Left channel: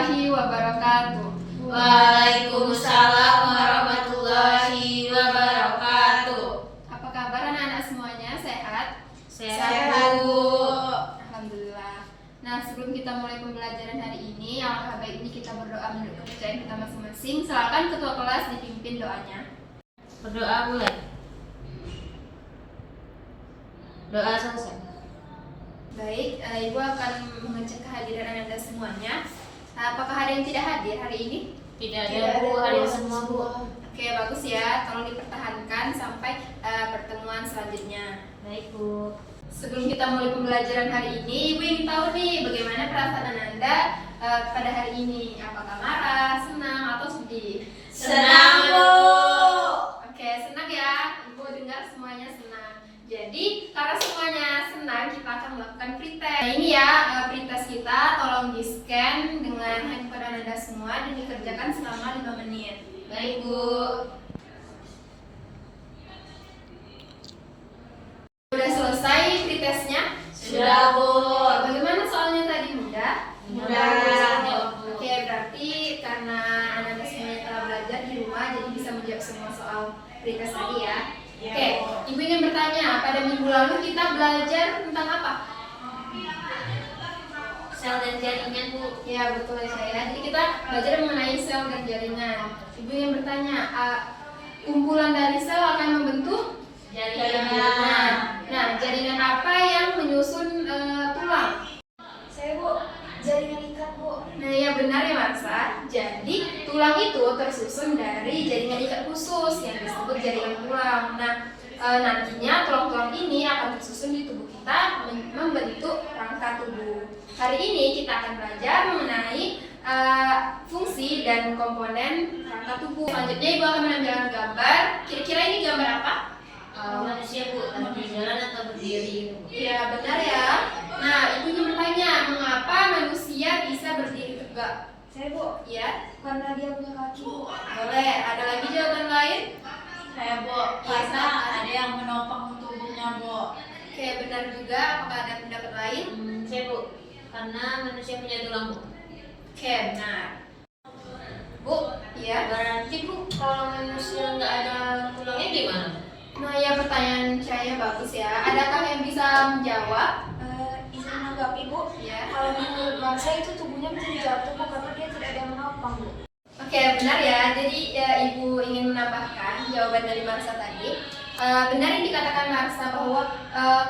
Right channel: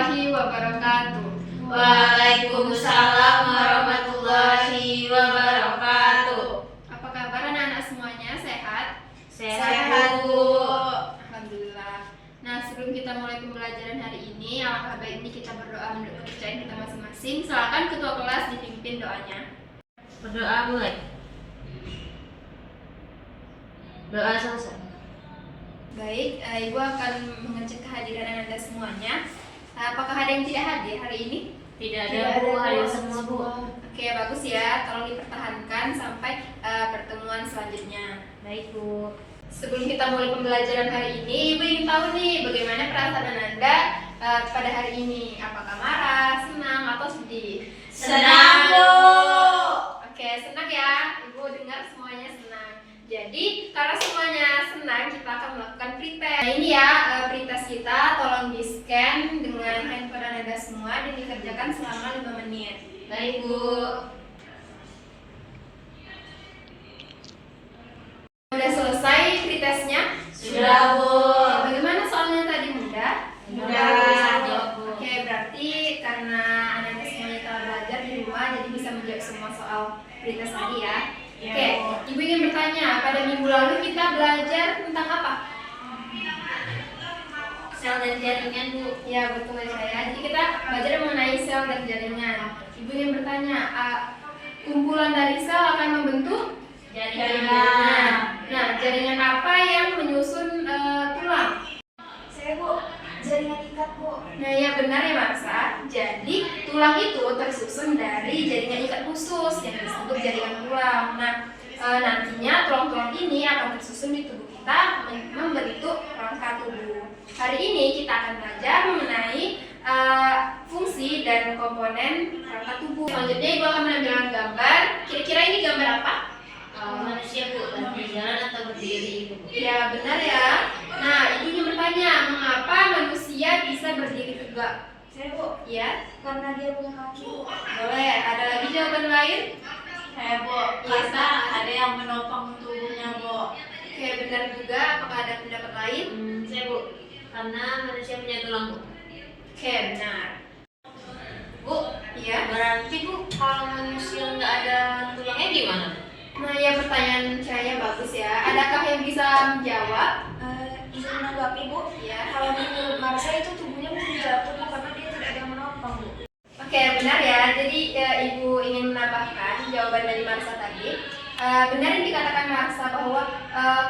warahmatullahi wabarakatuh. Waalaikumsalam warahmatullahi wabarakatuh. Apa kabar anak-anak semuanya? Sehat? Sehat, Bu. Alhamdulillah. Nah, sebelum kita mulai pembelajaran hari ini, alangkah baiknya kita berdoa menurut kepercayaan kita masing-masing. Silakan ketua kelas dipimpin doanya. Berdoa mulai. Doa selesai. Baik, Ibu akan mengecek kehadiran anak-anak semuanya. Apakah ada yang tidak hadir hari ini? Tidak ada, Bu. Hadir semua, Bu. Oke, bagus ya. Tolong dipertahankan sampai pertemuan selanjutnya. Baik, Bu. Sebelum kita mulai pembelajaran hari ini, Ibu ingin tahu nih bagaimana perasaan Anda pada hari ini. Apakah marah, senang, atau sedih? Senang, Bu. Oke, senang ya. Ibu dengar semuanya senang. Jadi, karena semuanya senang, kita akan melakukan pretest. Nah, ini ya pretest kita. Tolong di-scan dengan handphone Anda semua dan dikerjakan selama 5 menit. Baik, Bu. Sudah selesai pretestnya? Sudah, Bu. Bagaimana soalnya tadi, mudah? Mudah, Bu. Oke, berarti karena anak-anak semuanya telah belajar di rumah, jadi bisa menjawab semua soal pretest tadi ya. Ya, Oke, Bu. Ibu ingin bertanya, pada minggu lalu kita belajar tentang apa? Sel dan jaringan, Bu. Ya, betul ya saya. Jadi kita belajar mengenai sel dan jaringan. Ibu ingin bertanya, kumpulan dari sel akan membentuk Jaringan. Nah, jaringan apa yang menyusun tulang? Saya, Bu, jaringan ikat, Bu. Nah, ya benar ya Marsa. Jadi tulang itu tersusun dari jaringan ikat khusus yang disebut jaringan tulang. Nah, nantinya tulang-tulang ini akan tersusun di tubuh kita membentuk rangka tubuh. Hari ini kita akan belajar mengenai fungsi dan komponen rangka tubuh. Selanjutnya Ibu akan menampilkan gambar. Kira-kira ini gambar apa? Manusia, Bu. Berjalan atau berdiri, Bu. Ya benar ya. Nah, Ibu ingin bertanya, mengapa manusia bisa berdiri tegak? Saya, Bu, Ya, karena dia punya kaki, Bu. boleh. Ada lagi jawaban lain? Saya, Bu, karena ada yang menopang tubuhnya, Bu. Oke, benar juga. Apakah ada pendapat lain? Saya, Bu. Karena manusia punya tulang, Bu. Oke, benar. Bu, Ya. berarti, Bu, kalau manusia nggak ada tulangnya gimana? Nah, ya pertanyaan saya bagus ya. Adakah yang bisa menjawab? Izin menanggapi, Bu. Ya. Kalau menurut Marsa itu tubuhnya menjadi jatuh, Bu, karena dia tidak ada menopang, Bu. Oke, benar ya. Jadi Ibu ingin menambahkan jawaban dari Marsa tadi. Benar yang dikatakan Marsa bahwa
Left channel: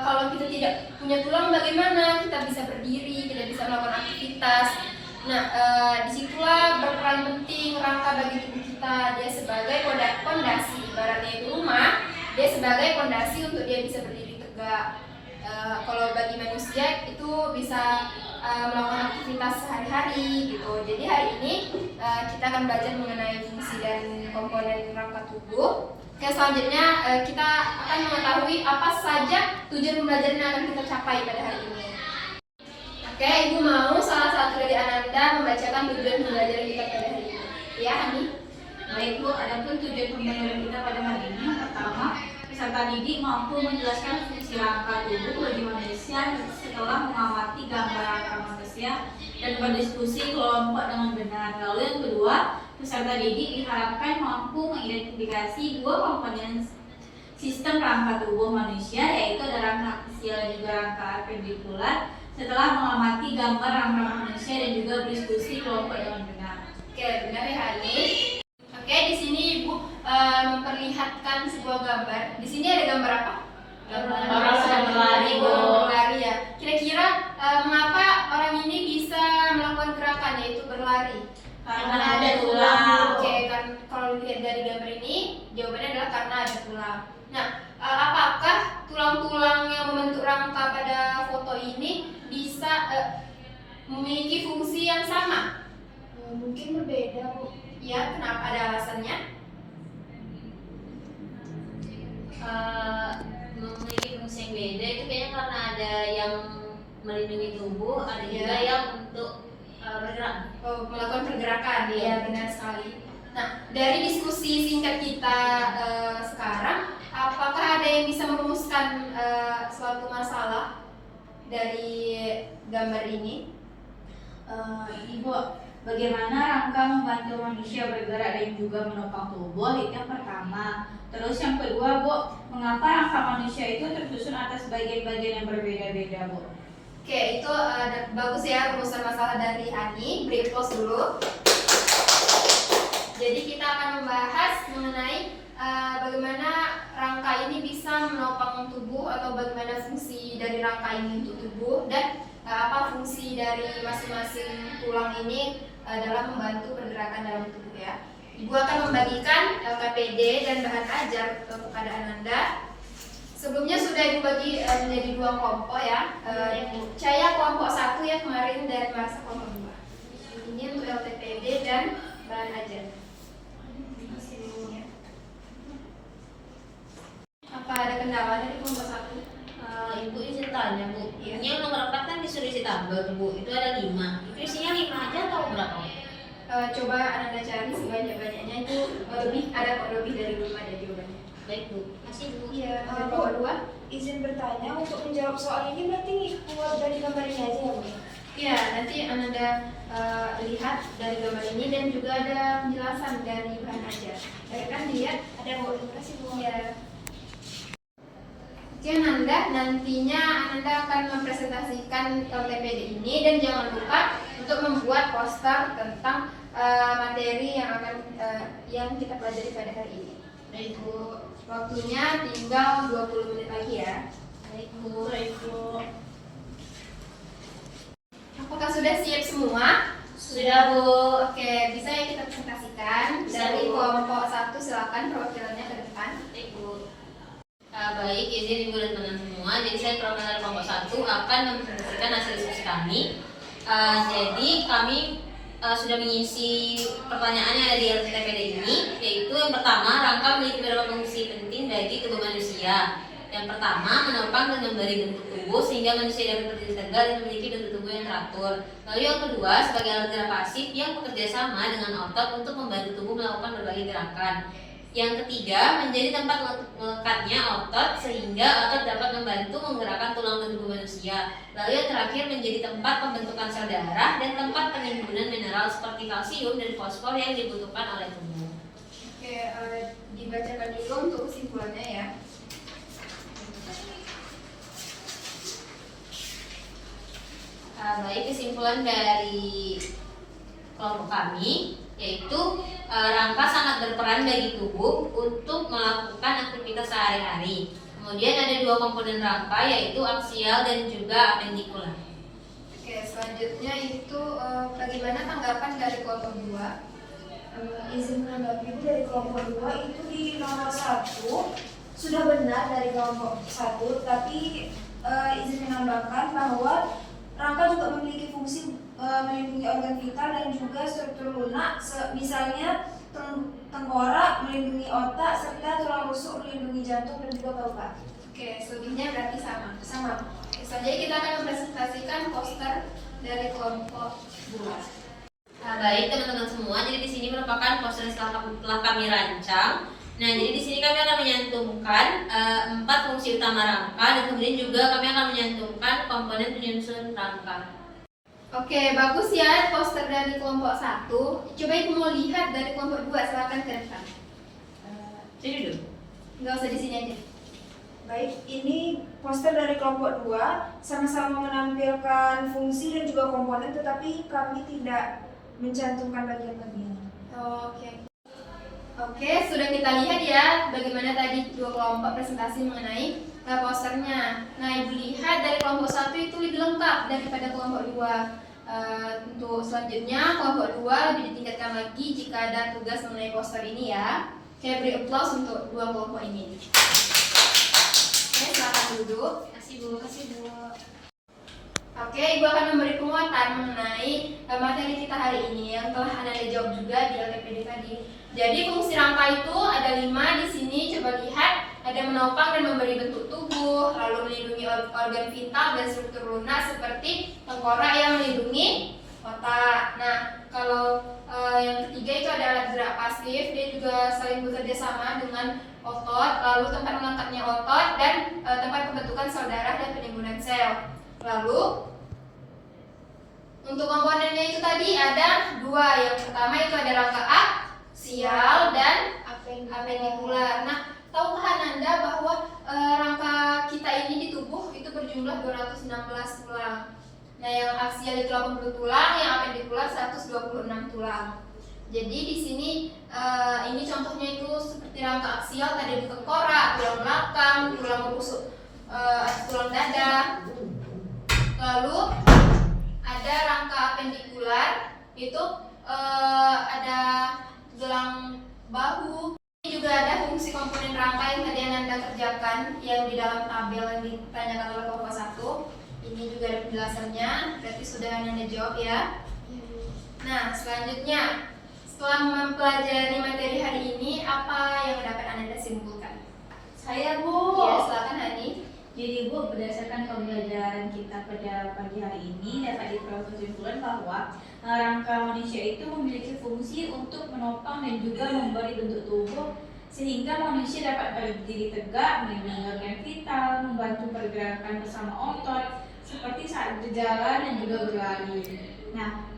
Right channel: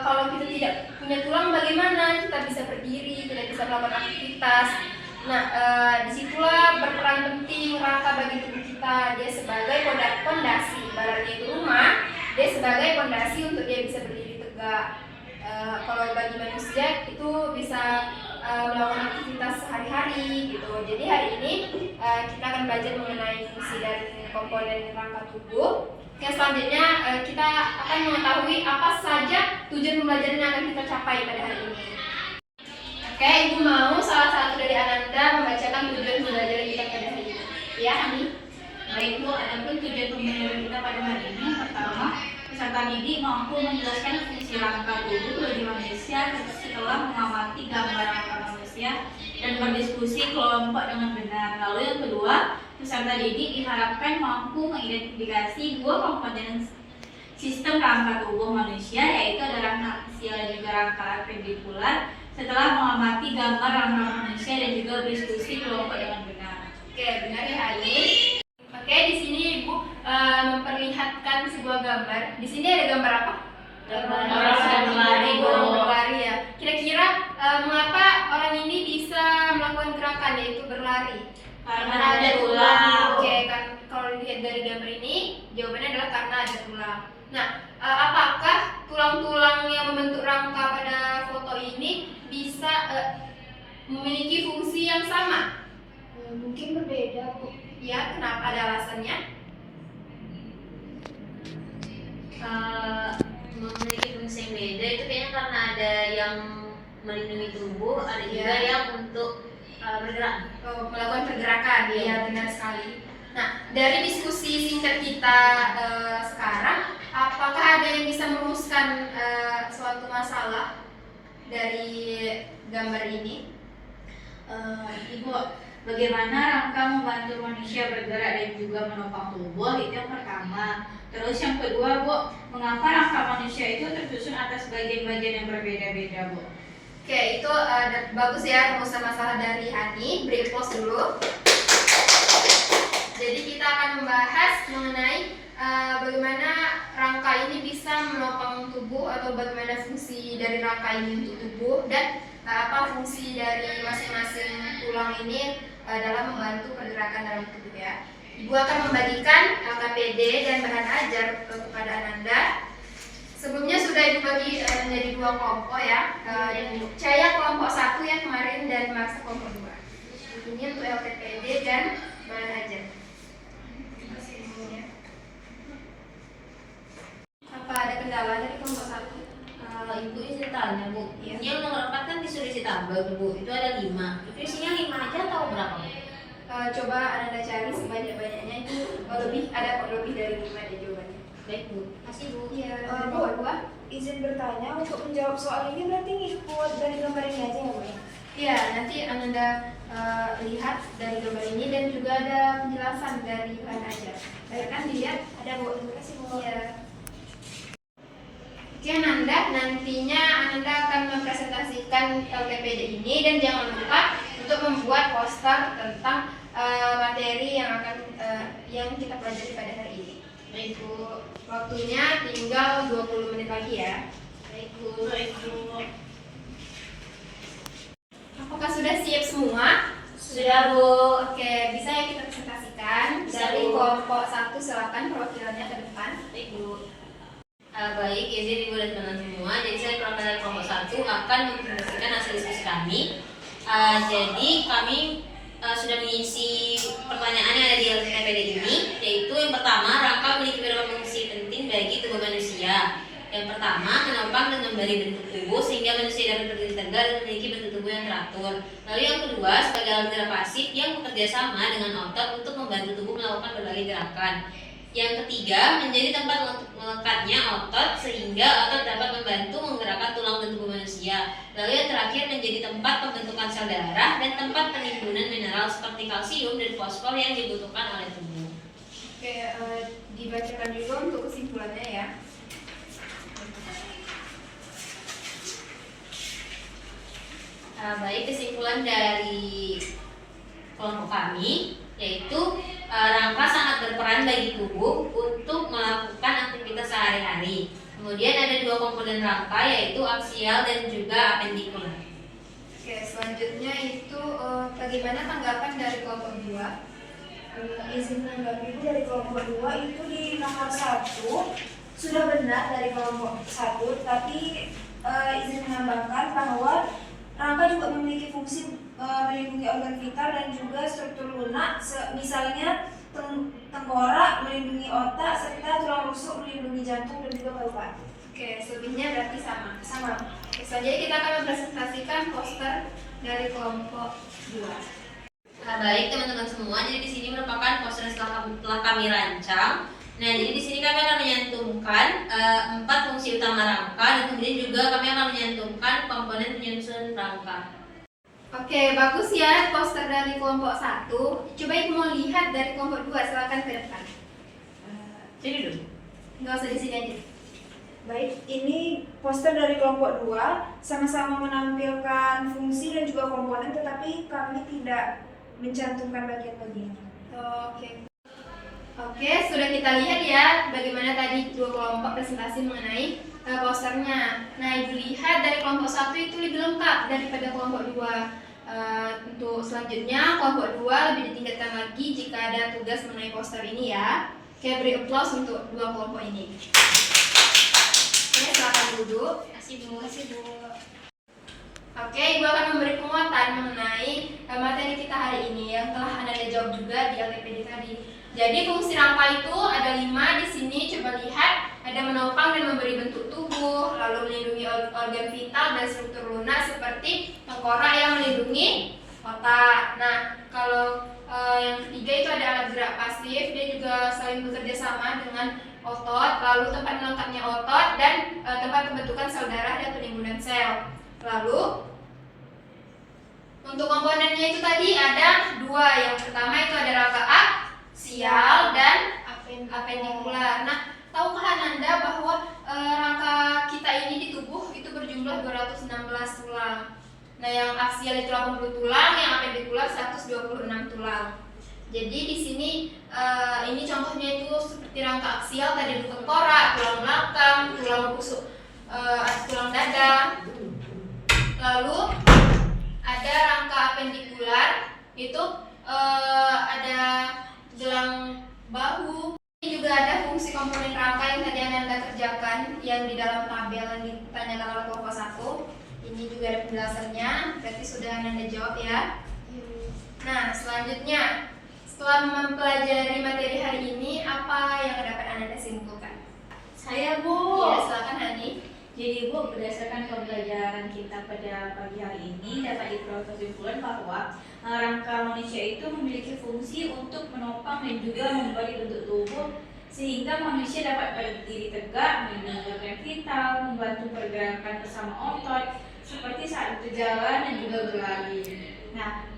kalau kita tidak punya tulang bagaimana kita bisa berdiri, kita bisa melakukan aktivitas. Nah, disitulah berperan penting rangka bagi tubuh kita. Dia sebagai pondasi, ibaratnya itu rumah. Dia sebagai pondasi untuk dia bisa berdiri tegak. Kalau bagi manusia itu bisa melakukan aktivitas sehari-hari gitu. Jadi hari ini kita akan belajar mengenai fungsi dan komponen rangka tubuh. Oke, selanjutnya kita akan mengetahui apa saja tujuan pembelajaran yang akan kita capai pada hari ini. Oke, Ibu mau salah satu dari Ananda membacakan tujuan pembelajaran kita pada hari ini. Ya, Hani? Baik, Bu, adapun tujuan pembelajaran kita pada hari ini yang pertama, peserta didik mampu menjelaskan fungsi rangka tubuh bagi manusia setelah mengamati gambar rangka manusia dan berdiskusi kelompok dengan benar. Lalu yang kedua, peserta didik diharapkan mampu mengidentifikasi dua komponen sistem rangka tubuh manusia, yaitu ada rangka aksial dan juga rangka apendikular, setelah mengamati gambar rangka manusia dan juga berdiskusi kelompok dengan benar. Oke, benar ya, Hani. Oke, di sini Ibu memperlihatkan sebuah gambar. Di sini ada gambar apa? Gambar orang sedang berlari, Bu. Berlari ya. Kira-kira mengapa orang ini bisa melakukan gerakan yaitu berlari? Karena ada tulang. Oke, kan kalau dilihat dari gambar ini, jawabannya adalah karena ada tulang. Nah, apakah tulang-tulang yang membentuk rangka pada foto ini bisa memiliki fungsi yang sama? Mungkin berbeda, Bu. Ya, kenapa? Ada alasannya? Memiliki fungsi yang beda itu kayaknya karena ada yang melindungi tubuh, ada juga yang untuk bergerak. Melakukan pergerakan, ya benar sekali. Nah, dari diskusi singkat kita sekarang, apakah ada yang bisa merumuskan suatu masalah dari gambar ini? Ibu, bagaimana rangka membantu manusia bergerak dan juga menopang tubuh, itu yang pertama. Terus yang kedua, Bu, mengapa rangka manusia itu tersusun atas bagian-bagian yang berbeda-beda, Bu? Oke, itu bagus ya rumusan masalah dari Hani. Beri applause dulu. Jadi kita akan membahas mengenai bagaimana rangka ini bisa menopang tubuh atau bagaimana fungsi dari rangka ini untuk tubuh dan apa fungsi dari masing-masing tulang ini dalam membantu pergerakan dalam tubuh ya. Ibu akan membagikan LKPD dan bahan ajar kepada Ananda. Sebelumnya sudah Ibu bagi menjadi 2 kelompok ya. Caya kelompok 1 ya kemarin dan Marsa kelompok 2. Ini untuk LKPD dan bahan ajar. Apa ada kendala dari kelompok 1? Ibu izin tanya, Bu. Iya. Yang nomor 4 kan disuruh isi tabel, Bu. Itu ada 5. Itu isinya 5 aja atau berapa? Coba Ananda cari sebanyak-banyaknya itu ada kok lebih dari 5 ada jawabannya. Baik, Bu. Masih, Bu. Iya, Bu. kelompok 2. Izin bertanya, untuk menjawab soal ini berarti ngikut dari gambar ini aja ya, Bu? Iya, nanti Ananda lihat dari gambar ini dan juga ada penjelasan dari bahan ajar. Baik kan dilihat? Ada Bu. Terima kasih Bu. Iya. Oke Ananda, nantinya Ananda akan mempresentasikan LKPD ini dan jangan lupa untuk membuat poster tentang materi yang akan yang kita pelajari pada hari ini. Baik Bu, waktunya tinggal 20 menit lagi ya. Baik Bu. Baik, Bu. Apakah sudah siap semua? Sudah, Bu. Oke, bisa ya kita presentasikan. Bisa, Dari Bu. kelompok 1 silakan perwakilannya ke depan. Baik, Bu. Baik, izin Ibu dan teman semua. Jadi saya perwakilan dari kelompok 1 akan mempresentasikan hasil diskusi kami. Jadi kami sudah mengisi pertanyaan yang ada di LKPD ini, yaitu yang pertama, rangka memiliki beberapa fungsi penting bagi tubuh manusia. Yang pertama, menopang dan memberi bentuk tubuh sehingga manusia dapat berdiri tegak dan memiliki bentuk tubuh yang teratur. Lalu yang kedua, sebagai alat gerak pasif yang bekerja sama dengan otot untuk membantu tubuh melakukan berbagai gerakan. Yang ketiga, menjadi tempat melekatnya otot sehingga otot dapat membantu menggerakkan tulang dan tubuh manusia. Lalu yang terakhir, menjadi tempat pembentukan sel darah dan tempat penimbunan mineral seperti kalsium dan fosfor yang dibutuhkan oleh tubuh. Oke, dibacakan dulu untuk kesimpulannya ya. Baik, kesimpulan dari kelompok kami yaitu rangka sangat berperan bagi tubuh untuk melakukan aktivitas sehari-hari. Kemudian ada 2 komponen rangka yaitu aksial dan juga apendikular. Oke, selanjutnya itu bagaimana tanggapan dari kelompok 2? Izin menanggapi Bu, dari kelompok 2 itu di nomor 1 sudah benar dari kelompok 1, tapi izin menambahkan bahwa rangka juga memiliki fungsi melindungi organ vital dan juga struktur lunak, misalnya tengkorak melindungi otak serta tulang rusuk melindungi jantung dan juga paru-paru. Oke, selebihnya berarti sama. Sama. Jadi kita akan mempresentasikan poster dari kelompok 2. Baik teman-teman semua, jadi di sini merupakan poster yang telah kami rancang. Nah, jadi di sini kami akan menyantumkan 4 fungsi utama rangka dan kemudian juga kami akan menyantumkan komponen penyusun rangka. Oke, bagus ya poster dari kelompok 1. Coba Ibu mau lihat dari kelompok 2, silakan ke depan. Sini dulu. Nggak usah di sini aja. Baik, ini poster dari kelompok 2 sama-sama menampilkan fungsi dan juga komponen, tetapi kami tidak mencantumkan bagian-bagian. Oke, sudah kita lihat ya bagaimana tadi 2 kelompok presentasi mengenai posternya. Nah, Ibu lihat dari kelompok 1 itu lebih lengkap daripada kelompok 2. Untuk selanjutnya kelompok 2 lebih ditingkatkan lagi jika ada tugas mengenai poster ini ya. Oke, beri applause untuk 2 kelompok ini. Oke, silakan duduk. Terima kasih, Bu. Oke, Ibu akan memberi penguatan mengenai materi kita hari ini yang telah Anda jawab juga di LKPD tadi. Jadi fungsi rangka itu ada 5 di sini. Coba lihat, ada menopang dan memberi bentuk tubuh, lalu melindungi organ vital dan struktur lunak seperti tengkorak yang melindungi otak. Nah, kalau yang ketiga itu ada alat gerak pasif, dia juga saling bekerja sama dengan otot, lalu tempat melengkapnya otot dan tempat pembentukan sel darah dan penimbunan sel. Lalu Untuk komponennya itu tadi ada dua. Yang pertama itu ada rangka aksial dan apendikular. Nah, tahukah Ananda bahwa rangka kita ini di tubuh itu berjumlah 216 tulang. Nah, yang aksial itu 80 tulang, yang apendikular 126 tulang. Jadi di sini ini contohnya itu seperti rangka aksial tadi itu tengkorak, tulang belakang, tulang rusuk, tulang dada. Lalu ada rangka apendikular itu ada gelang bahu. Ini juga ada fungsi komponen rangka yang tadi Anda kerjakan yang di dalam tabel yang ditanyakan oleh kelompok 1. Ini juga ada penjelasannya, berarti sudah Anda jawab ya. Nah, selanjutnya setelah mempelajari materi hari ini, apa yang dapat Anda simpulkan? Saya, Bu. Ya, silakan Hani. Jadi, Bu, berdasarkan pembelajaran kita pada pagi hari ini dapat diperoleh kesimpulan bahwa rangka manusia itu memiliki fungsi untuk menopang dan juga memberi bentuk tubuh sehingga manusia dapat berdiri tegak, mendengarkan vital, membantu pergerakan bersama otot seperti saat berjalan dan juga berlari. Nah,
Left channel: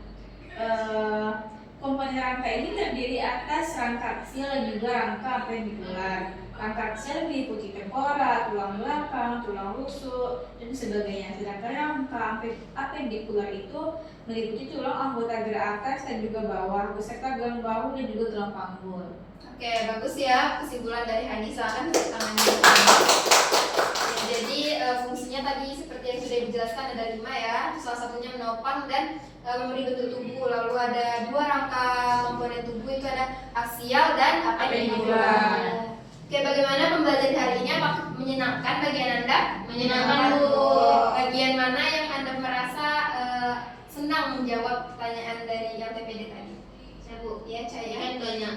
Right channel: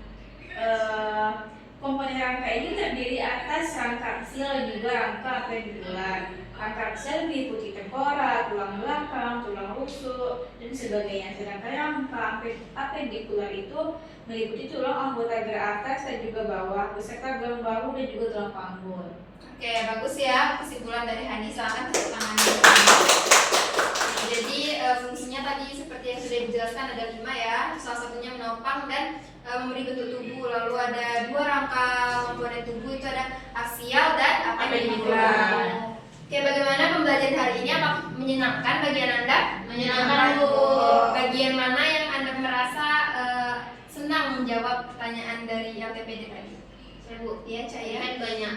komponen rangka ini terdiri atas rangka aksial dan juga rangka apendikular. Rangka aksial meliputi tengkorak, tulang belakang, tulang rusuk, dan sebagainya. Sedangkan rangka apendikular itu meliputi tulang anggota gerak atas dan juga bawah, beserta gelang bahu dan juga gelang panggul. Oke, bagus ya kesimpulan dari Hani. Silakan tepuk tangan. Jadi fungsinya tadi seperti yang sudah dijelaskan ada 5 ya. Salah satunya menopang dan memberi bentuk tubuh. Lalu ada 2 rangka komponen tubuh, itu ada aksial dan apendikular. Oke, bagaimana pembelajaran hari ini? Apakah menyenangkan bagian Anda? Menyenangkan, Bu. Bagian mana yang Anda merasa senang menjawab pertanyaan dari yang TPD tadi? Saya, Bu. Ya, Ini Caya. kan banyak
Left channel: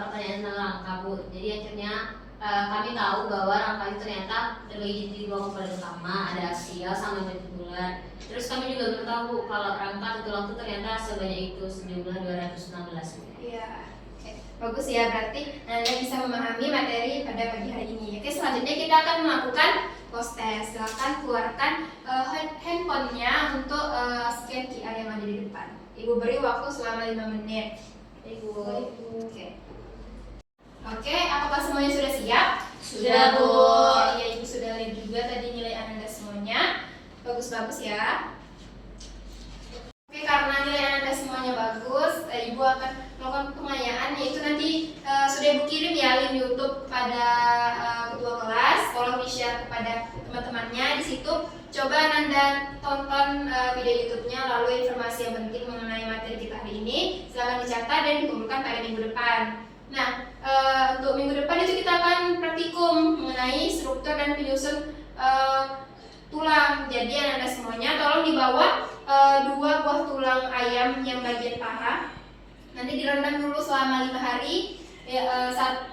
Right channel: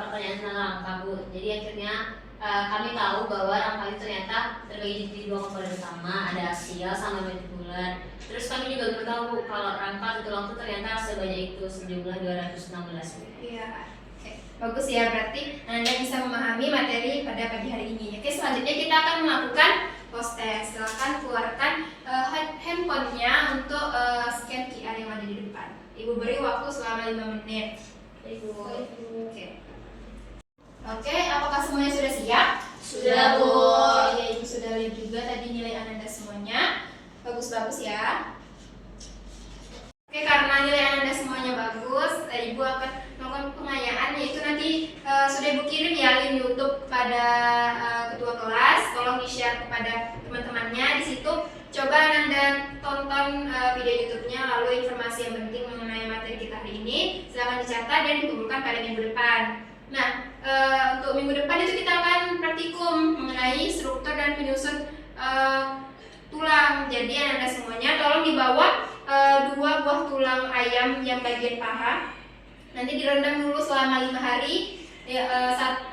pertanyaan tentang rangka, Bu. Jadi akhirnya kami tahu bahwa rangka itu ternyata terbagi jadi 2 komponen utama, ada aksial sama apendikular. Terus kami juga baru tahu Bu, kalau rangka tulang itu ternyata sebanyak itu, sejumlah 216. Iya. Oke, bagus ya, berarti Anda bisa memahami materi pada pagi hari ini. Oke, selanjutnya kita akan melakukan post test. Silakan keluarkan handphonenya untuk scan QR yang ada di depan. Ibu beri waktu selama 5 menit. Ibu. Oke. Oke, apakah semuanya sudah siap? Sudah, Bu. Iya, Ibu sudah lihat juga tadi nilai Anda semuanya. Bagus-bagus ya. Oke, karena nilai Anda semuanya bagus, Ibu akan melakukan pengayaan, yaitu nanti sudah Ibu kirim ya link YouTube kepada ketua kelas. Tolong di-share kepada teman-temannya. Di situ coba Anda tonton video YouTube-nya, lalu informasi yang penting mengenai materi kita hari ini silakan dicatat dan dikumpulkan pada minggu depan. Nah, untuk minggu depan itu kita akan praktikum mengenai struktur dan penyusun tulang. Jadi Anda semuanya tolong dibawa 2 buah tulang ayam yang bagian paha. Nanti direndam dulu selama 5 hari. Ya,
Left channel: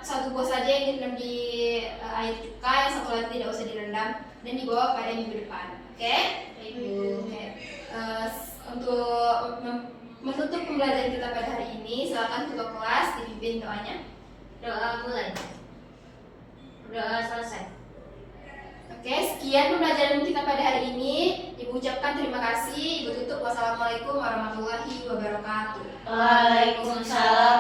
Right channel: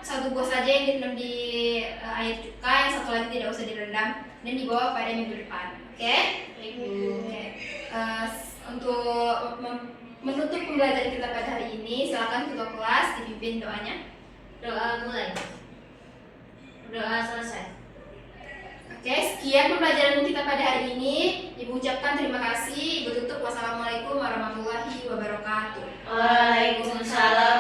satu buah saja yang direndam di air cuka, yang satu lagi tidak usah direndam, dan dibawa pada minggu depan. Oke? Oke. Untuk menutup pembelajaran kita pada hari ini, silakan ketua kelas dipimpin doanya. Doa mulai. Doa selesai. Oke, sekian pembelajaran kita pada hari ini. Ibu ucapkan terima kasih. Ibu tutup. Wassalamualaikum warahmatullahi wabarakatuh. Waalaikumsalam